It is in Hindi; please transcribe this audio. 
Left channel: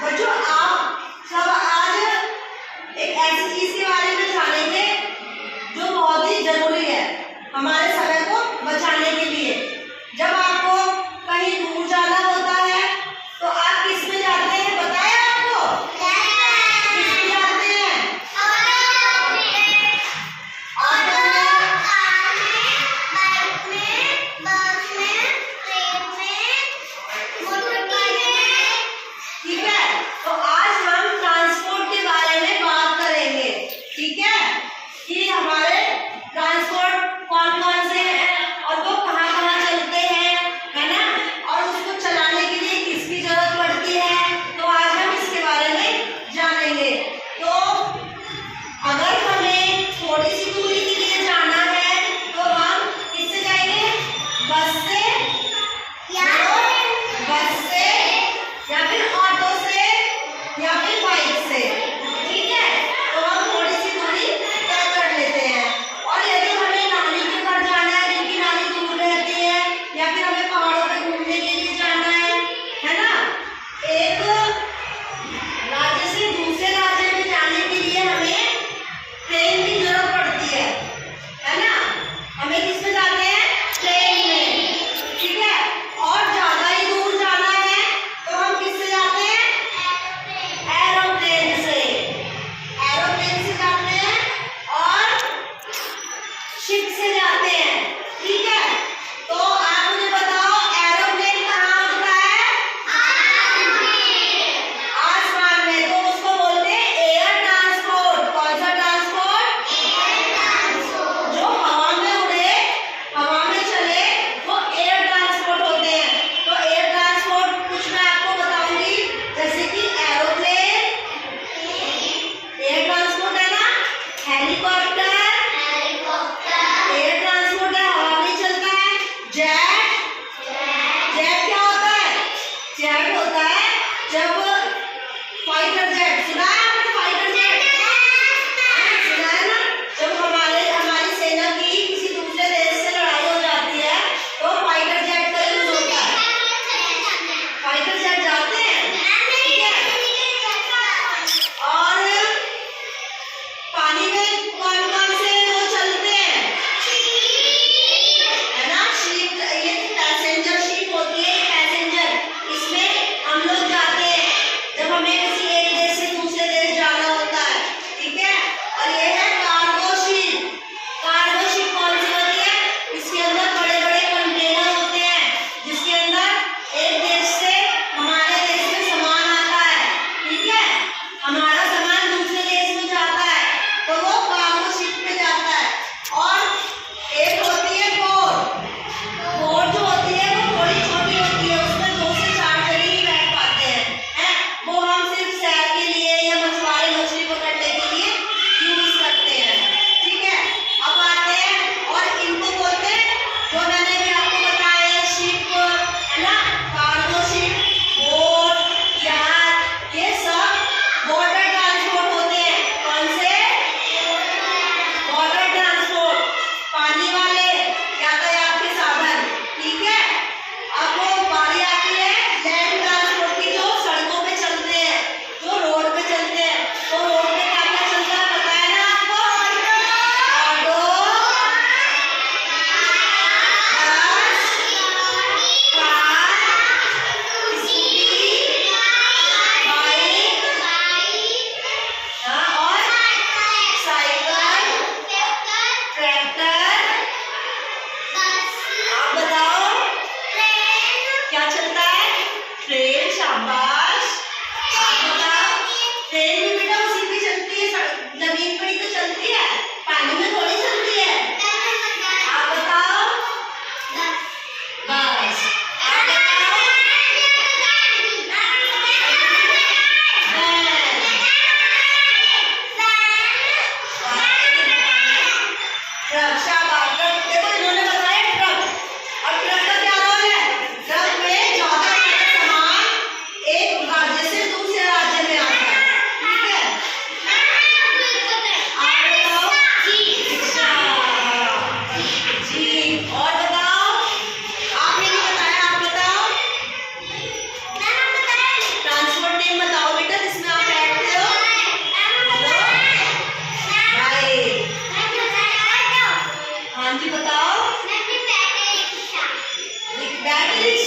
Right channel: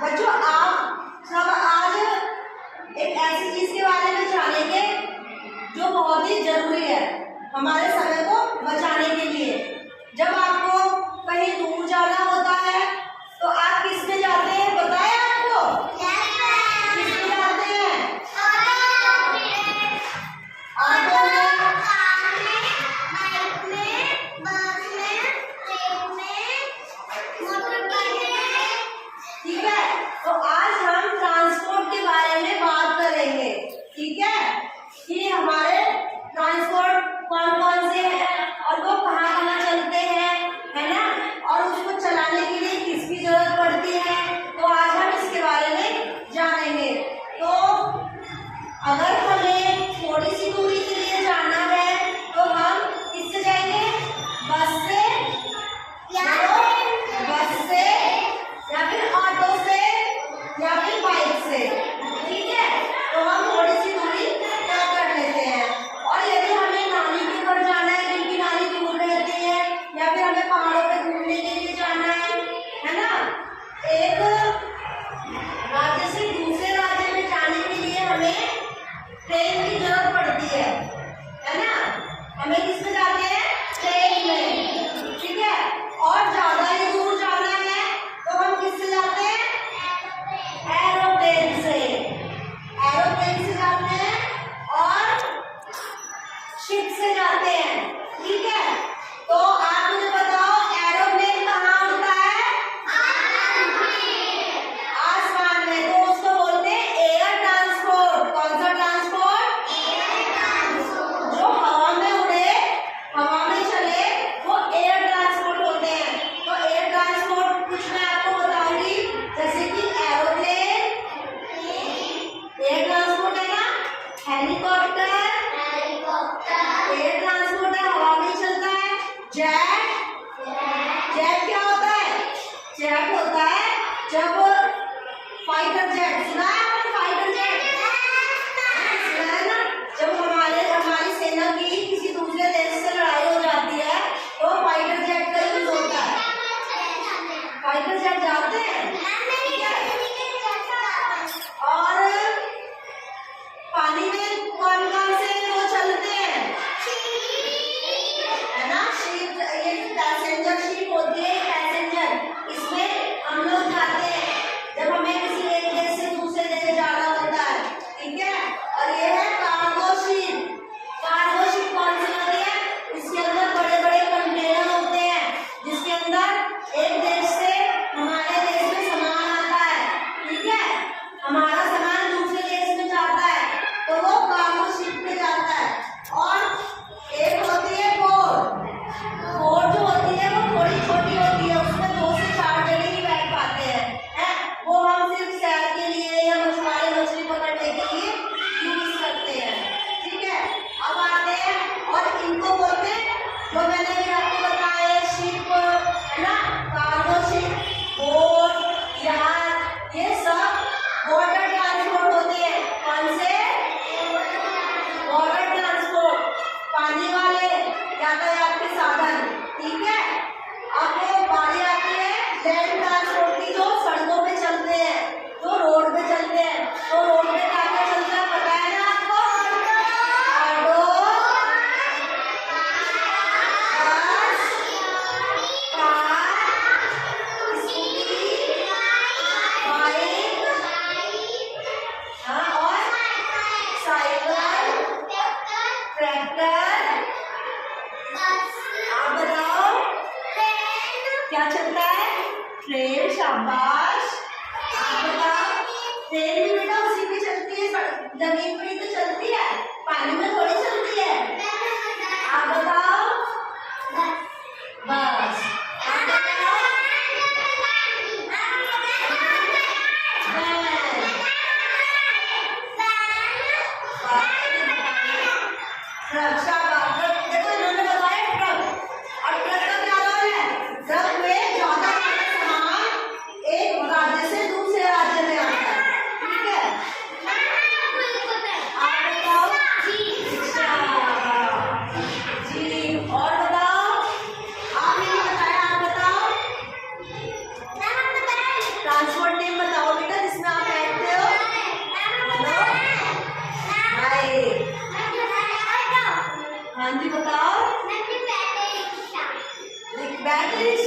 बच्चों आप सब आज एक ऐसी चीज के बारे में जानेंगे जो बहुत ही जरूरी है हमारे समय को बचाने के लिए। जब आपको कहीं दूर जाना होता है तो आप किस में जाते हैं, बताया आपको? किस में जाते हैं? ऑटो में, कार में, बाइक में, बस में, ट्रेन में, मोटरसाइकिल में। ठीक है, तो आज हम ट्रांसपोर्ट के बारे में बात करेंगे। ठीक है, कि हमारे ट्रांसपोर्ट कौन कौन से हैं और वो कहाँ कहाँ चलते हैं, है ना, और उसको चलाने के लिए किसकी जरूरत पड़ती है, तो आज हम इसके बारे में जानेंगे। तो अगर हमें थोड़ी सी दूरी के लिए जाना है तो हम किससे जाएंगे? बस से या फिर ऑटो से या फिर बाइक से। ठीक है, तो हम थोड़ी सी दूरी तय कर लेते हैं। और यदि हमें नानी के घर जाना है, जिनकी नानी दूर रहती है, या फिर हमें पहाड़ों पे घूमने के लिए जाना है ना, एक राज्य से दूसरे राज्य में जाने के लिए हमें ट्रेन की जरूरत पड़ती है ना। हमें किसमें जाते हैं? ट्रेन में। ठीक है, और ज्यादा ही दूर जाना है तो हम किससे जाते हैं? एरोप्लेन से। एरोप्लेन से जाते हैं और शिप से जाते हैं। ठीक है, तो आप मुझे बताओ एरोप्लेन कहाँ उड़ता है? आसमान में। तो उसको बोलते हैं एयर ट्रांसपोर्ट। कौन सा ट्रांसपोर्ट? जो हवा में उड़े, हवा में चले, वो एयर ट्रांसपोर्ट होते हैं। तो एयर ट्रांसपोर्ट कुछ मैं आपको बताऊंगी, जैसे कि एरोप्लेन एयर ट्रांसपोर्ट है ना, हेलीकॉप्टर एयर ट्रांसपोर्ट है, हवा में चलता है। जेट क्या होता है? जेट होता है जब फाइटर जेट, सुना है आपने फाइटर जेट? सुना है ना, जब हमारी सेना की किसी दूसरे देश से लड़ाई हो जाती है तो फाइटर जेट का यूज होता है। फाइटर जेट जाते हैं। ठीक है, और पानी में कौन कौन से वो चलते हैं, है ना, शिप। ये पैसेंजर शिप होती है, पैसेंजर, इसमें हम लोग जाते हैं जब हमें किसी एक देश से दूसरे देश जाना होता है। ठीक है, और ये है कार्गो शिप। कार्गो शिप कौन सी होती है? इसके अंदर बड़े बड़े कंटेनर होते हैं, जिसके अंदर एक देश से हमारे देश में सामान आता है। ठीक है, हमारा सामान दूसरे देश में जाता है तो वो कार्गो शिप पे जाता है। और एक होती है बोट। बोट जो होती है वो थोड़ी छोटी होती है, उसमें 2 से 4 जने ही बैठ पाते हैं। वो हम सिर्फ सैर के लिए या मछुआरे मछली पकड़ने के लिए यूज करते हैं। ठीक है, अब आते हैं और इनको बोलते हैं, जो मैंने भी आपको बताया, शिप, है ना, कार्गो शिप, बोट, जहाज, ये सब वाटर ट्रांसपोर्ट होते हैं। कौन से? वाटर ट्रांसपोर्ट, पानी वाले यातायात के साधन। ठीक है, अब बारी आती है लैंड ट्रांसपोर्ट की, जो सड़कों पे चलते हैं, जो रोड पे चलते हैं। तो रोड पे क्या क्या चलता है, पता है ना आपको? ऑटो, बस, कार, स्कूटी, बाइक, और साइकिल, ट्रैक्टर। आप बताओ क्या चलता है? ट्रेन। शाबाश, आप बताओ। ट्रेन भी बेटा उसी पे चलती है, जमीन पर ही तो चलती है, पानी में थोड़ी चलती है। आप बताओ। बस, आप बताओ। ट्रक। शाबाश, देखो इन्होंने बताया ट्रक। और ट्रक का क्या रोल है? ट्रक में ज्यादा सामान एक बैटरी